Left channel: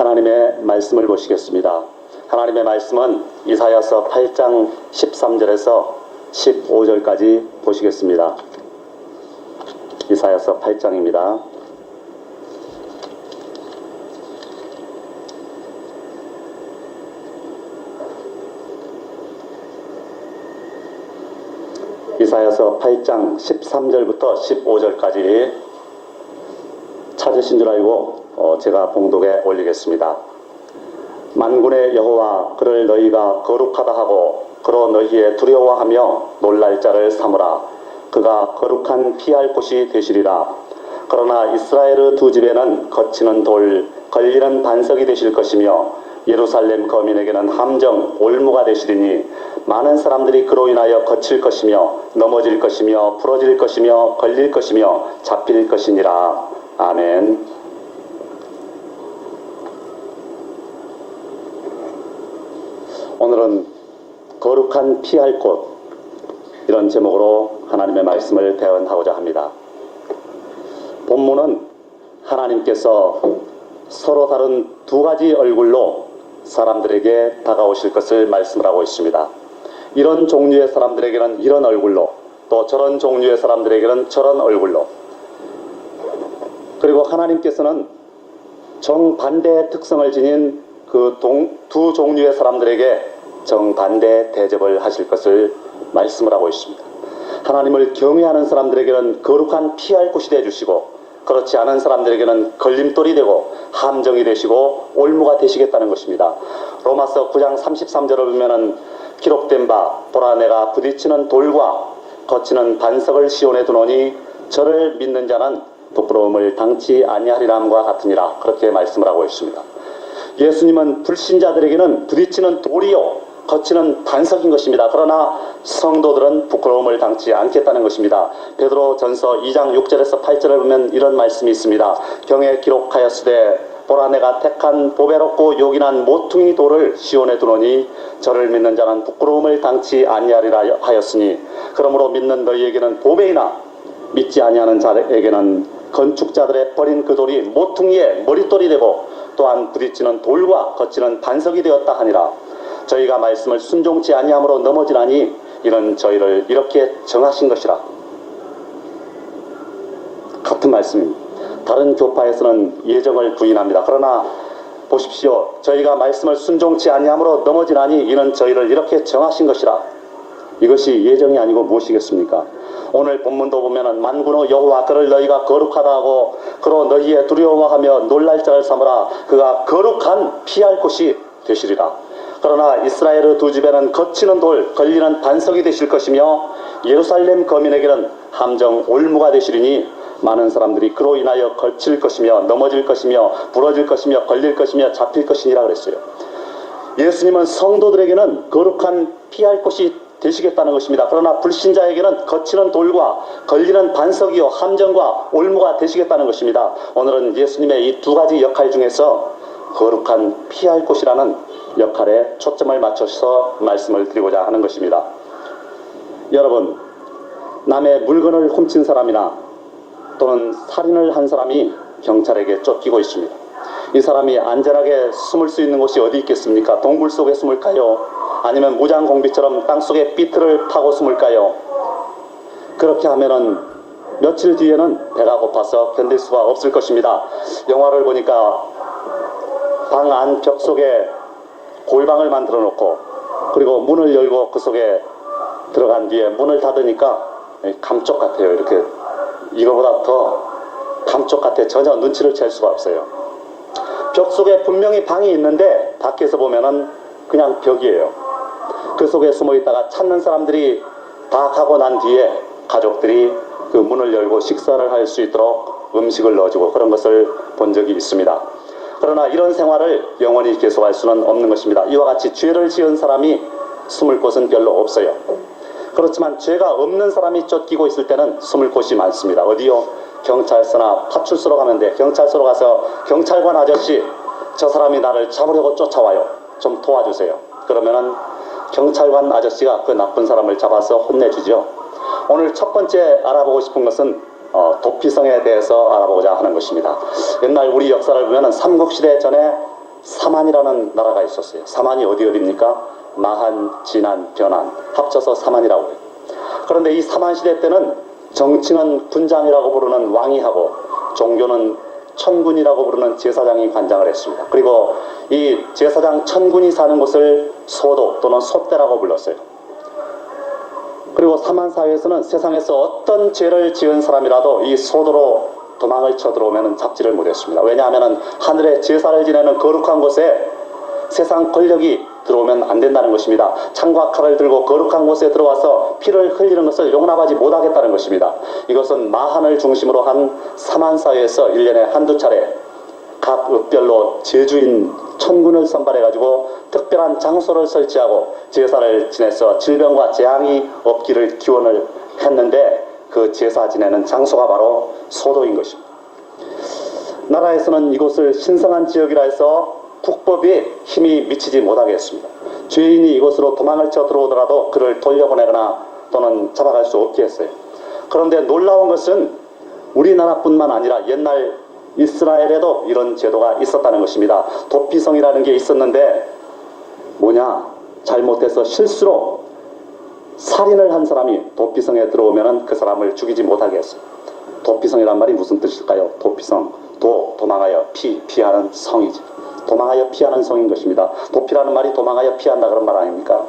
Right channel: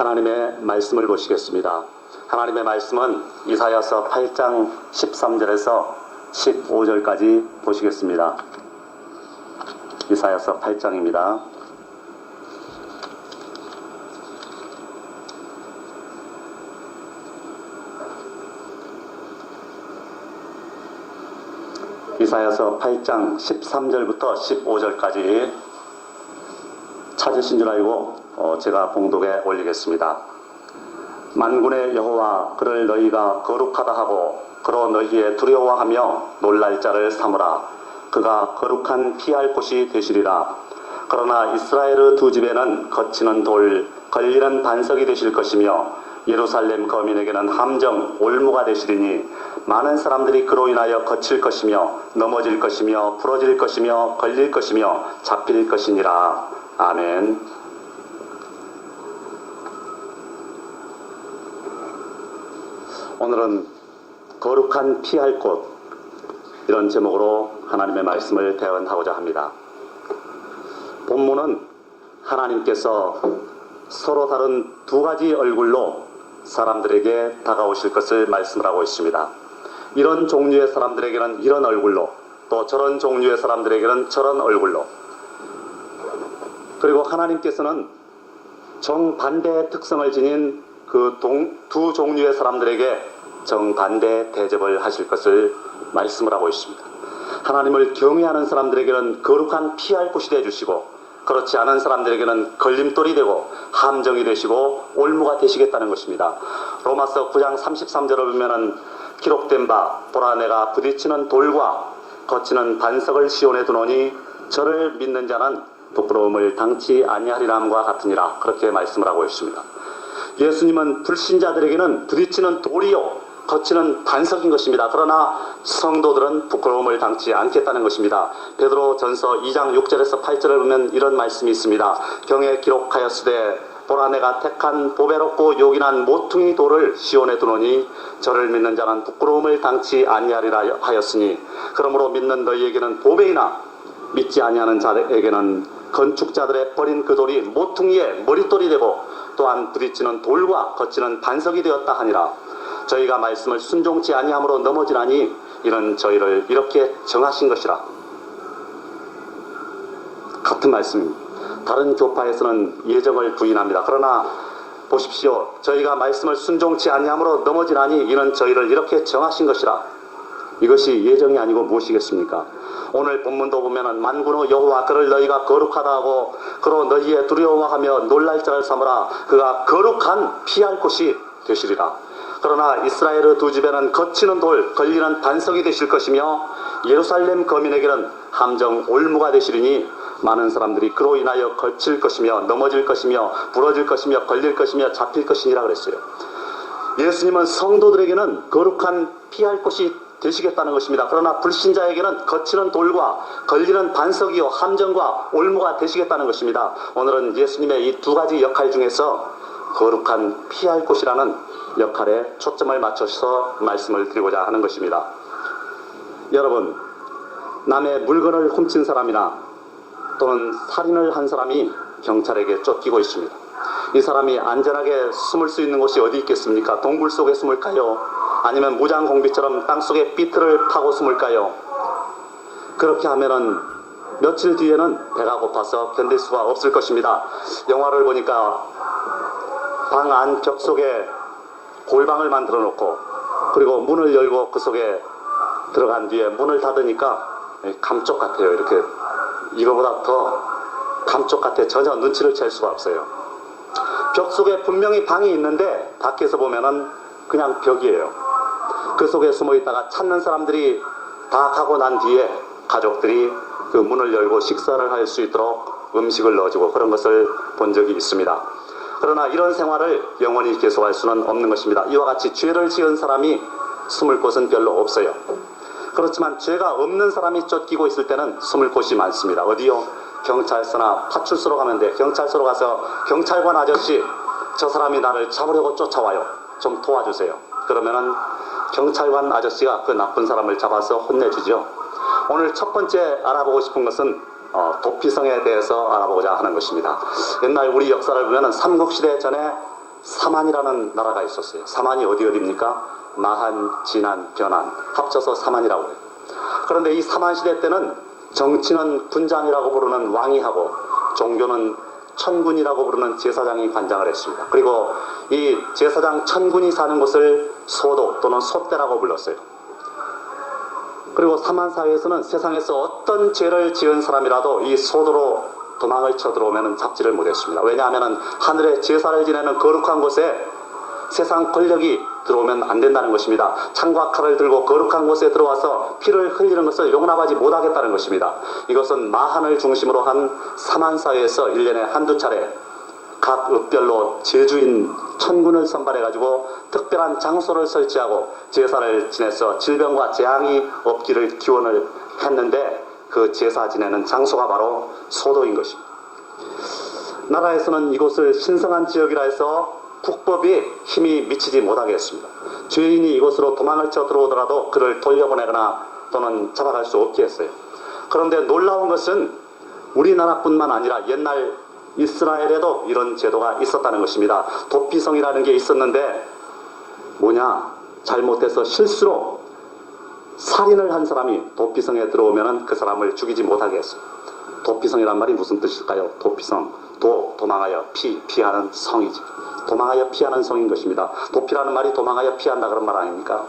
하나님의 말씀을 보시겠습니다. 하나님의 말씀은 이사야서 8장 13절에서 15절까지 보시겠습니다. 이사야서 8장입니다. 이사야서 8장 13절부터 15절까지 찾으신 줄 알고 제가 봉독에 올리겠습니다. 만군의 여호와 그를 너희가 거룩하다 하고 그로 너희의 두려워하며 놀랄 자를 삼으라. 그가 거룩한 피할 곳이 되시리라. 그러나 이스라엘의 두 집에는 거치는 돌, 걸리는 반석이 되실 것이며 예루살렘 거민에게는 함정, 올무가 되시리니 많은 사람들이 그로 인하여 거칠 것이며 넘어질 것이며 부러질 것이며 걸릴 것이며 잡힐 것이니라. 아멘. 오늘은 거룩한 피할 곳, 이런 제목으로 하나님의 말씀을 대언하고자 합니다. 본문은 하나님께서 서로 다른 두 가지 얼굴로 사람들에게 다가오실 것을 말씀을 하고 있습니다. 이런 종류의 사람들에게는 이런 얼굴로, 또 저런 종류의 사람들에게는 저런 얼굴로, 그리고 하나님께서는 정반대의 특성을 지닌 그 두 종류의 사람들에게 정반대 대접을 하실 것을 말씀을 하고 있습니다. 하나님을 경외하는 사람들에게는 거룩한 피할 곳이 되어주시고, 그렇지 않은 사람들에게는 걸림돌이 되고 함정이 되시고 올무가 되시겠다는 것입니다. 로마서 9장 33절을 보면은 기록된 바 보라 내가 부딪히는 돌과 거치는 반석을 시온에 두노니 저를 믿는 자는 부끄러움을 당치 아니하리라함과 같으니라. 그렇게 말씀을 하고 있습니다. 예수님은 불신자들에게는 부딪히는 돌이요 거치는 반석인 것입니다. 그러나 성도들은 부끄러움을 당치 않겠다는 것입니다. 베드로 전서 2장 6절에서 8절을 보면 이런 말씀이 있습니다. 경에 기록하였으되 보라 내가 택한 보배롭고 요긴한 모퉁이 돌을 시온에 두노니 저를 믿는 자는 부끄러움을 당치 아니하리라 하였으니 그러므로 믿는 너희에게는 보배이나 믿지 아니하는 자에게는 건축자들의 버린 그 돌이 모퉁이의 머릿돌이 되고 또한 부딪히는 돌과 거치는 반석이 되었다 하니라. 저희가 말씀을 순종치 아니함으로 넘어지나니 이는 저희를 이렇게 정하신 것이라. 같은 말씀입니다. 다른 교파에서는 예정을 부인합니다. 그러나 보십시오. 저희가 말씀을 순종치 아니함으로 넘어지나니 이는 저희를 이렇게 정하신 것이라. 이것이 예정이 아니고 무엇이겠습니까? 오늘 본문도 보면은 만군의 여호와 그를 너희가 거룩하다 하고 그로 너희의 두려워하며 놀랄 자를 삼으라. 그가 거룩한 피할 곳이 되시리라. 그러나 이스라엘의 두 집에는 거치는 돌, 걸리는 반석이 되실 것이며 예루살렘 거민에게는 함정, 올무가 되시리니 많은 사람들이 그로 인하여 거칠 것이며 넘어질 것이며 부러질 것이며 걸릴 것이며 잡힐 것이니라 그랬어요. 예수님은 성도들에게는 거룩한 피할 곳이 되시겠다는 것입니다. 그러나 불신자에게는 거치는 돌과 걸리는 반석이요 함정과 올무가 되시겠다는 것입니다. 오늘은 예수님의 이 두 가지 역할 중에서 거룩한 피할 곳이라는 역할에 초점을 맞춰서 말씀을 드리고자 하는 것입니다. 여러분, 남의 물건을 훔친 사람이나 또는 살인을 한 사람이 경찰에게 쫓기고 있습니다. 이 사람이 안전하게 숨을 수 있는 곳이 어디 있겠습니까? 동굴 속에 숨을까요? 아니면 무장공비처럼 땅속에 삐뚤을 파고 숨을까요? 그렇게 하면은 며칠 뒤에는 배가 고파서 견딜 수가 없을 것입니다. 영화를 보니까 방 안 벽 속에 골방을 만들어 놓고 그리고 문을 열고 그 속에 들어간 뒤에 문을 닫으니까 감쪽 같아요. 이렇게 이거보다 더 감쪽 같아. 전혀 눈치를 챌 수가 없어요. 벽 속에 분명히 방이 있는데 밖에서 보면은 그냥 벽이에요. 그 속에 숨어 있다가 찾는 사람들이 다 가고 난 뒤에 가족들이 그 문을 열고 식사를 할 수 있도록 음식을 넣어주고 그런 것을 본 적이 있습니다. 그러나 이런 생활을 영원히 계속할 수는 없는 것입니다. 이와 같이 죄를 지은 사람이 숨을 곳은 별로 없어요. 그렇지만 죄가 없는 사람이 쫓기고 있을 때는 숨을 곳이 많습니다. 어디요? 경찰서나 파출소로 가면 돼. 경찰서로 가서 경찰관 아저씨, 저 사람이 나를 잡으려고 쫓아와요. 좀 도와주세요. 그러면은 경찰관 아저씨가 그 나쁜 사람을 잡아서 혼내주죠. 오늘 첫 번째 알아보고 싶은 것은 도피성에 대해서 알아보고자 하는 것입니다. 옛날 우리 역사를 보면 삼국시대 전에 사만이라는 나라가 있었어요. 사만이 어디입니까? 마한, 진안, 변안 합쳐서 사만이라고 해요. 그런데 이 사만 시대 때는 정치는 군장이라고 부르는 왕이 하고 종교는 천군이라고 부르는 제사장이 관장을 했습니다. 그리고 이 제사장 천군이 사는 곳을 소도 또는 소떼라고 불렀어요. 그리고 사만 사회에서는 세상에서 어떤 죄를 지은 사람이라도 이 소도로 도망을 쳐 들어오면 잡지를 못했습니다. 왜냐하면 하늘에 제사를 지내는 거룩한 곳에 세상 권력이 들어오면 안 된다는 것입니다. 창과 칼을 들고 거룩한 곳에 들어와서 피를 흘리는 것을 용납하지 못하겠다는 것입니다. 이것은 마한을 중심으로 한 사만 사회에서 1년에 한두 차례 각 읍별로 제주인 천군을 선발해가지고 특별한 장소를 설치하고 제사를 지내서 질병과 재앙이 없기를 기원을 했는데 그 제사 지내는 장소가 바로 소도인 것입니다. 나라에서는 이곳을 신성한 지역이라 해서 국법에 힘이 미치지 못하게 했습니다. 죄인이 이곳으로 도망을 쳐 들어오더라도 그를 돌려보내거나 또는 잡아갈 수 없게 했어요. 그런데 놀라운 것은 우리나라뿐만 아니라 옛날 이스라엘에도 이런 제도가 있었다는 것입니다. 도피성이라는 게 있었는데 뭐냐? 잘못해서 실수로 살인을 한 사람이 도피성에 들어오면 그 사람을 죽이지 못하게 했어요. 도피성이란 말이 무슨 뜻일까요? 도피성, 도망하여 피하는 성이지. 도망하여 피하는 성인 것입니다. 도피라는 말이 도망하여 피한다 그런 말 아닙니까?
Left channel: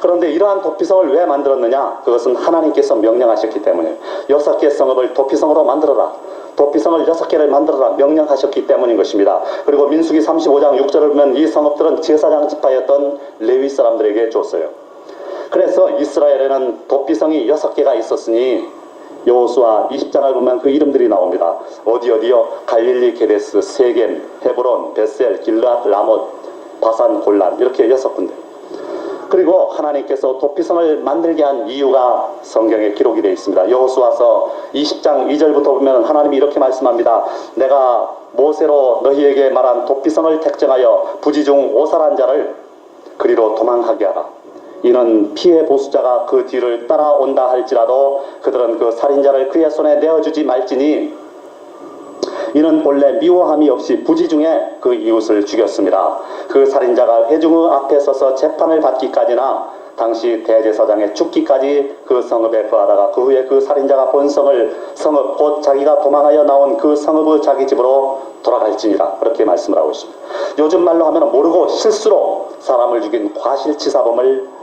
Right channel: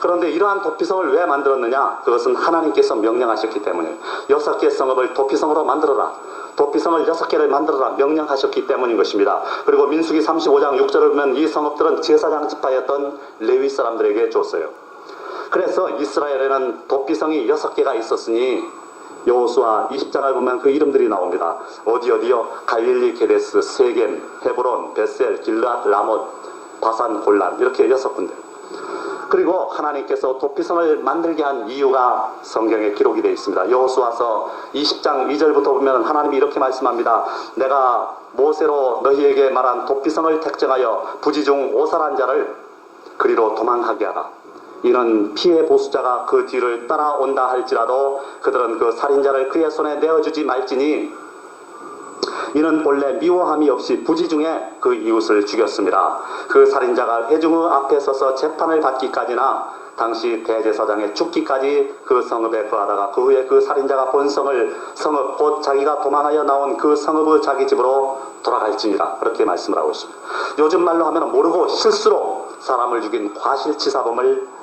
그런데 이러한 도피성을 왜 만들었느냐? 그것은 하나님께서 명령하셨기 때문에 6개 성읍을 도피성으로 만들어라. 도피성을 6개를 만들어라 명령하셨기 때문인 것입니다. 그리고 민수기 35장 6절을 보면 이 성읍들은 제사장 지파였던 레위 사람들에게 줬어요. 그래서 이스라엘에는 도피성이 6개가 있었으니 여호수아 20장을 보면 그 이름들이 나옵니다. 어디요? 갈릴리, 게데스, 세겜, 헤브론, 벳셀, 길르앗, 라못, 바산, 골란 이렇게 6군데. 그리고 하나님께서 도피성을 만들게 한 이유가 성경에 기록이 되어 있습니다. 여호수아서 20장 2절부터 보면 하나님이 이렇게 말씀합니다. 내가 모세로 너희에게 말한 도피성을 택정하여 부지 중 오살한 자를 그리로 도망하게 하라. 이는 피해 보수자가 그 뒤를 따라온다 할지라도 그들은 그 살인자를 그의 손에 내어주지 말지니 이는 본래 미워함이 없이 부지 중에 그 이웃을 죽였습니다. 그 살인자가 회중의 앞에 서서 재판을 받기까지나 당시 대제사장의 죽기까지 그 성읍에 거하다가 그 후에 그 살인자가 본성을 성읍 곧 자기가 도망하여 나온 그 성읍의 자기 집으로 돌아갈지니라 그렇게 말씀을 하고 있습니다. 요즘 말로 하면 모르고 실수로 사람을 죽인 과실치사범을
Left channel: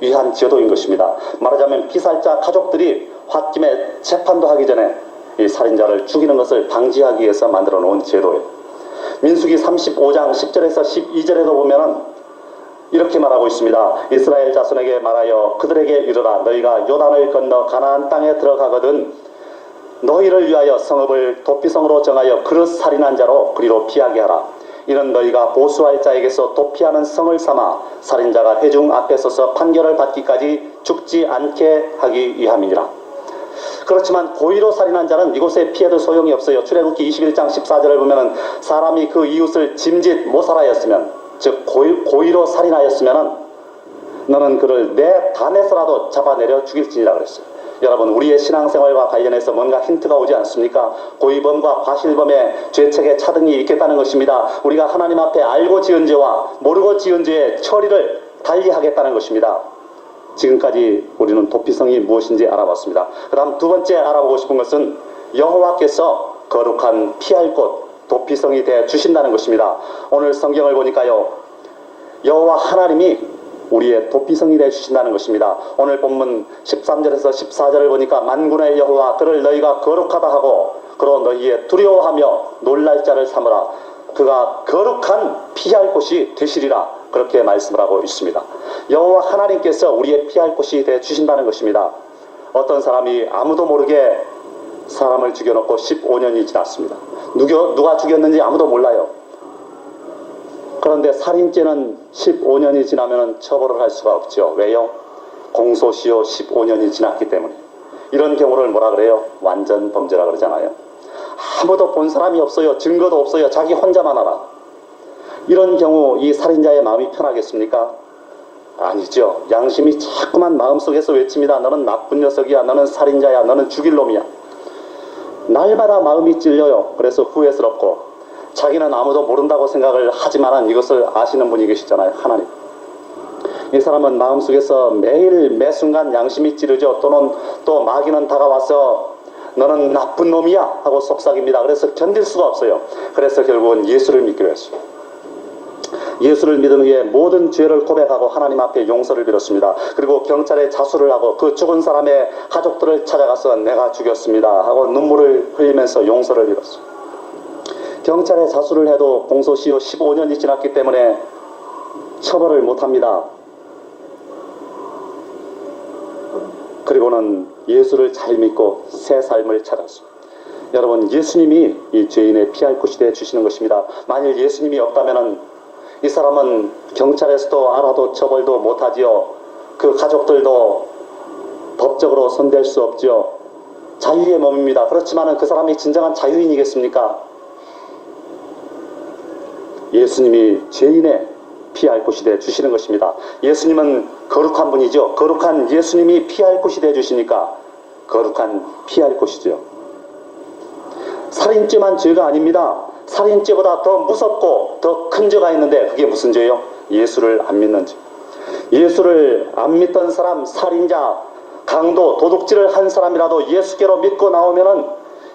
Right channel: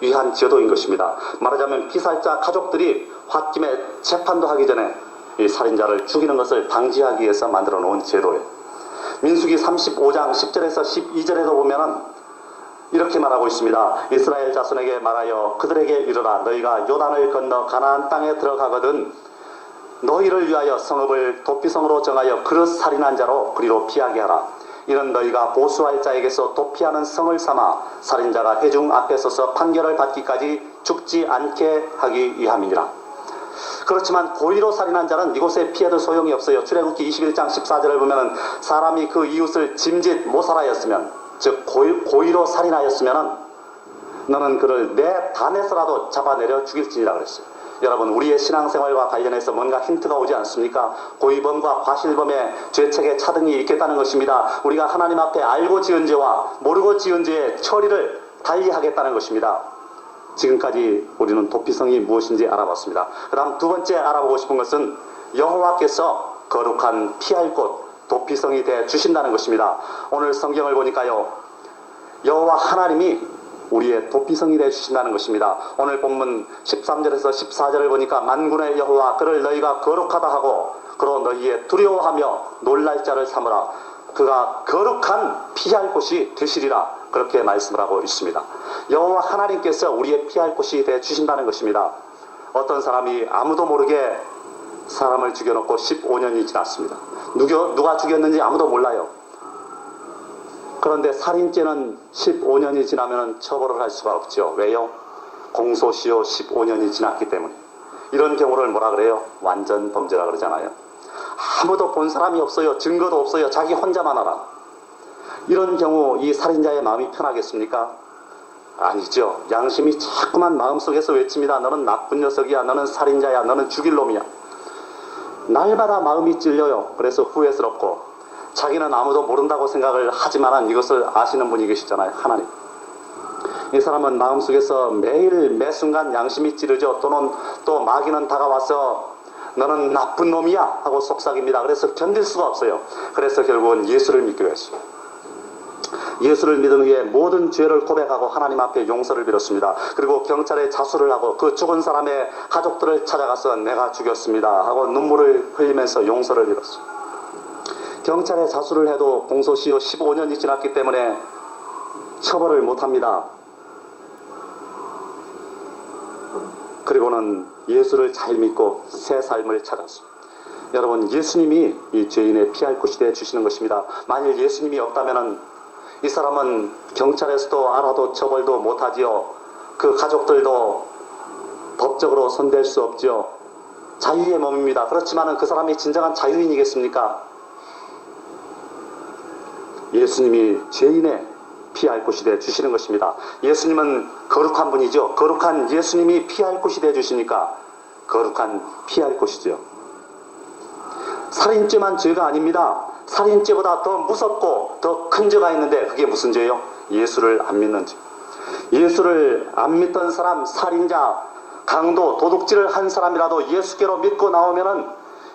위한 제도인 것입니다. 말하자면 피살자 가족들이 홧김에 재판도 하기 전에 이 살인자를 죽이는 것을 방지하기 위해서 만들어 놓은 제도예요. 민수기 35장 10절에서 12절에도 보면은 이렇게 말하고 있습니다. 이스라엘 자손에게 말하여 그들에게 이르라. 너희가 요단을 건너 가나안 땅에 들어가거든 너희를 위하여 성읍을 도피성으로 정하여 그릇 살인한 자로 그리로 피하게 하라. 이는 너희가 보수할 자에게서 도피하는 성을 삼아 살인자가 회중 앞에 서서 판결을 받기까지 죽지 않게 하기 위함이니라. 그렇지만 고의로 살인한 자는 이곳에 피해도 소용이 없어요. 출애굽기 21장 14절을 보면 사람이 그 이웃을 짐짓 모살하였으면 즉 고의로 살인하였으면 너는 그를 내 단에서라도 잡아내려 죽일지니라 그랬어요. 여러분 우리의 신앙생활과 관련해서 뭔가 힌트가 오지 않습니까? 고의범과 과실범의 죄책의 차등이 있겠다는 것입니다. 우리가 하나님 앞에 알고 지은 죄와 모르고 지은 죄의 처리를 달리하겠다는 것입니다. 지금까지 우리는 도피성이 무엇인지 알아봤습니다. 그 다음 두 번째 알아보고 싶은 것은 여호와께서 거룩한 피할 곳 도피성이 되어 주신다는 것입니다. 오늘 성경을 보니까요 여호와 하나님이 우리의 도피성이 되어 주신다는 것입니다. 오늘 본문 13절에서 14절을 보니까 만군의 여호와 그를 너희가 거룩하다 하고 그로 너희의 두려워하며 놀랄 자를 삼으라. 그가 거룩한 피할 곳이 되시리라. 그렇게 말씀을 하고 있습니다. 여호와 하나님께서 우리의 피할 곳이 되어 주신다는 것입니다. 어떤 사람이 아무도 모르게 사람을 죽여놓고 15년이 지났습니다. 누가 죽였는지 아무도 몰라요. 그런데 살인죄는 15년이 지나면 처벌을 할 수가 없죠. 왜요? 공소시효 15년이 지났기 때문에. 이런 경우를 뭐라 그래요? 완전 범죄라 그러잖아요. 아무도 본 사람이 없어요. 증거도 없어요. 자기 혼자만 알아. 이런 경우 이 살인자의 마음이 편하겠습니까? 아니죠. 양심이 자꾸만 마음속에서 외칩니다. 너는 나쁜 녀석이야. 너는 살인자야. 너는 죽일 놈이야. 날마다 마음이 찔려요. 그래서 후회스럽고 자기는 아무도 모른다고 생각을 하지만 이것을 아시는 분이 계시잖아요. 하나님. 이 사람은 마음속에서 매일 매순간 양심이 찌르죠. 또는 또 마귀는 다가와서 너는 나쁜 놈이야 하고 속삭입니다. 그래서 견딜 수가 없어요. 그래서 결국은 예수를 믿기로 했어요. 예수를 믿은 후에 모든 죄를 고백하고 하나님 앞에 용서를 빌었습니다. 그리고 경찰에 자수를 하고 그 죽은 사람의 가족들을 찾아가서 내가 죽였습니다 하고 눈물을 흘리면서 용서를 빌었어요. 경찰에 자수를 해도 공소시효 15년이 지났기 때문에 처벌을 못합니다. 그리고는 예수를 잘 믿고 새 삶을 찾았어요. 여러분, 예수님이 이 죄인의 피할 곳이 되어 주시는 것입니다. 만일 예수님이 없다면 이 사람은 경찰에서도 알아도 처벌도 못하지요. 그 가족들도 법적으로 손댈 수 없지요. 자유의 몸입니다. 그렇지만 그 사람이 진정한 자유인이겠습니까? 예수님이 죄인의 피할 곳이 되어 주시는 것입니다. 예수님은 거룩한 분이죠. 거룩한 예수님이 피할 곳이 되어 주시니까 거룩한 피할 곳이죠. 살인죄만 죄가 아닙니다. 살인죄보다 더 무섭고 더 큰 죄가 있는데 그게 무슨 죄요? 예수를 안 믿는 죄. 예수를 안 믿던 사람, 살인자, 강도, 도둑질을 한 사람이라도 예수께로 믿고 나오면은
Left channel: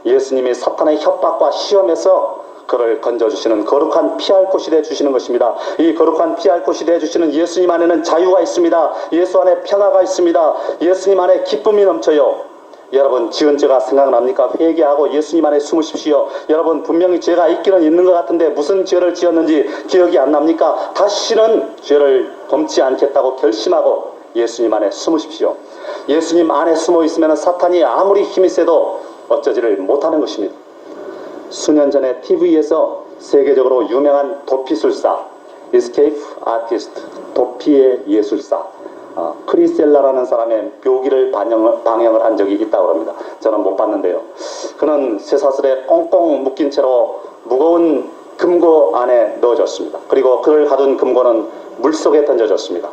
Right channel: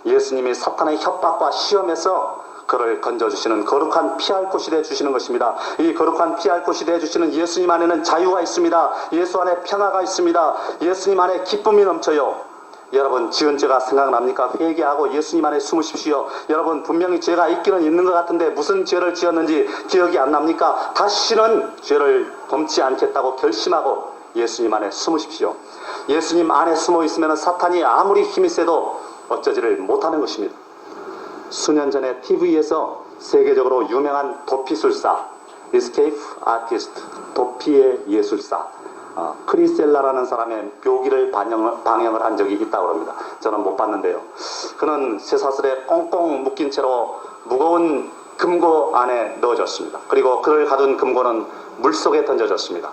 예수님이 사탄의 협박과 시험에서 그를 건져주시는 거룩한 피할 곳이 되어주시는 것입니다. 이 거룩한 피할 곳이 되어주시는 예수님 안에는 자유가 있습니다. 예수 안에 평화가 있습니다. 예수님 안에 기쁨이 넘쳐요. 여러분, 지은 죄가 생각납니까? 회개하고 예수님 안에 숨으십시오. 여러분, 분명히 죄가 있기는 있는 것 같은데 무슨 죄를 지었는지 기억이 안 납니까? 다시는 죄를 범치 않겠다고 결심하고 예수님 안에 숨으십시오. 예수님 안에 숨어 있으면 사탄이 아무리 힘이 세도 어쩌지를 못하는 것입니다. 수년 전에 TV에서 세계적으로 유명한 도피술사, Escape Artist, 도피의 예술사, 크리셀라라는 사람의 묘기를 방영을 한 적이 있다고 합니다. 저는 못 봤는데요. 그는 쇠사슬에 꽁꽁 묶인 채로 무거운 금고 안에 넣어졌습니다. 그리고 그를 가둔 금고는 물속에 던져졌습니다.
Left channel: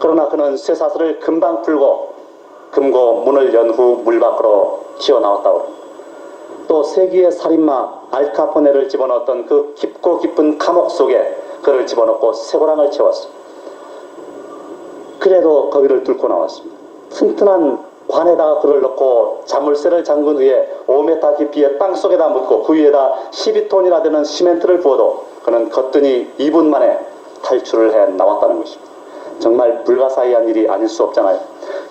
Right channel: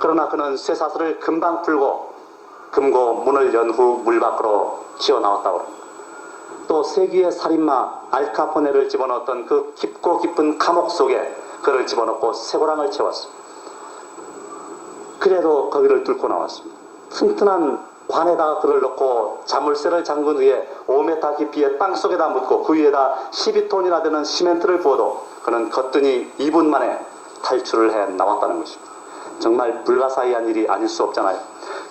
그러나 그는 쇠사슬을 금방 풀고 금고 문을 연 후 물 밖으로 튀어나왔다고 합니다. 또 세기의 살인마 알카포네를 집어넣었던 그 깊고 깊은 감옥 속에 그를 집어넣고 쇠고랑을 채웠습니다. 그래도 거기를 뚫고 나왔습니다. 튼튼한 관에다가 그를 넣고 자물쇠를 잠근 후에 5m 깊이의 땅속에다 묻고 그 위에다 12톤이나 되는 시멘트를 부어도 그는 거뜬히 2분 만에 탈출을 해 나왔다는 것입니다. 정말 불가사의한 일이 아닐 수 없잖아요.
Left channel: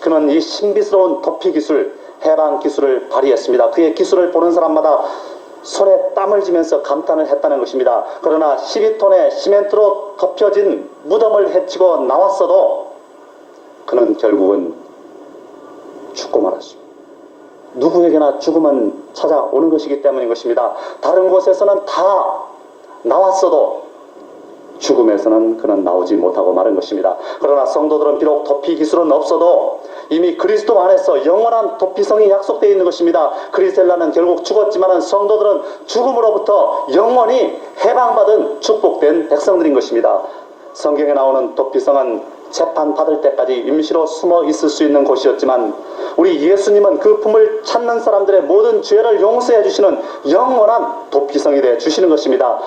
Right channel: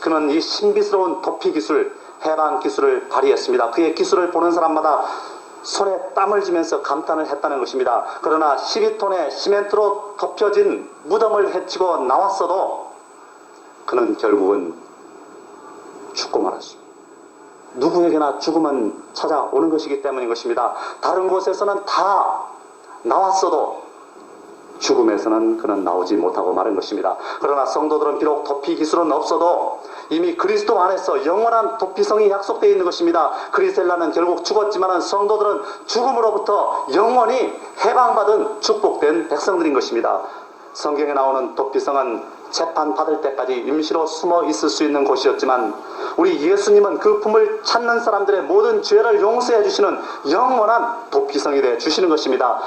그는 이 신비스러운 도피 기술, 해방 기술을 발휘했습니다. 그의 기술을 보는 사람마다 손에 땀을 쥐면서 감탄을 했다는 것입니다. 그러나 12톤의 시멘트로 덮여진 무덤을 헤치고 나왔어도 그는 결국은 죽고 말았습니다. 누구에게나 죽음은 찾아오는 것이기 때문인 것입니다. 다른 곳에서는 다 나왔어도 죽음에서는 그는 나오지 못하고 마는 것입니다. 그러나 성도들은 비록 도피 기술은 없어도 이미 그리스도 안에서 영원한 도피성이 약속되어 있는 것입니다. 크리셀라는 결국 죽었지만 성도들은 죽음으로부터 영원히 해방받은 축복된 백성들인 것입니다. 성경에 나오는 도피성은 재판받을 때까지 임시로 숨어 있을 수 있는 곳이었지만 우리 예수님은 그 품을 찾는 사람들의 모든 죄를 용서해 주시는 영원한 도피성이 되어 주시는 것입니다.